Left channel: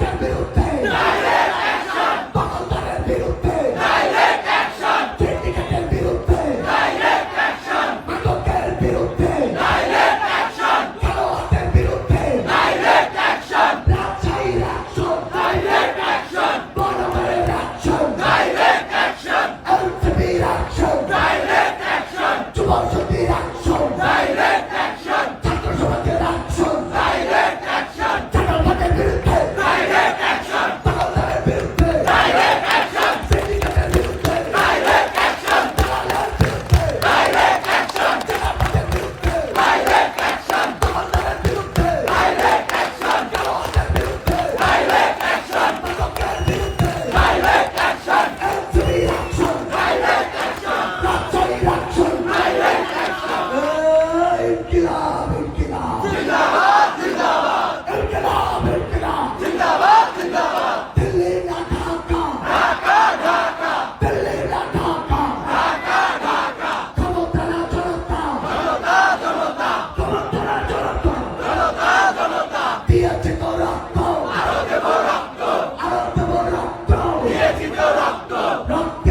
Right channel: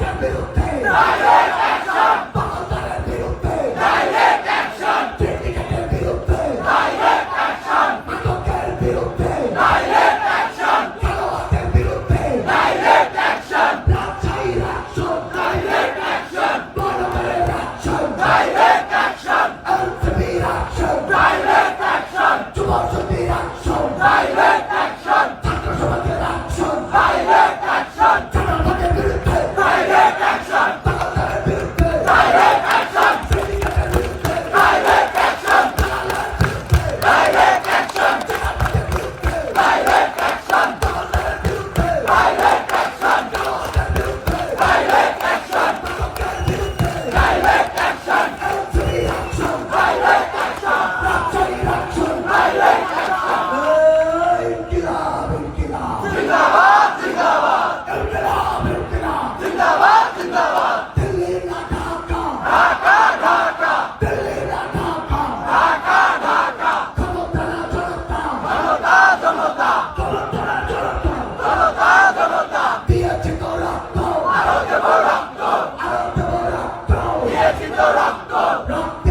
perdido. রক্ত রক্ত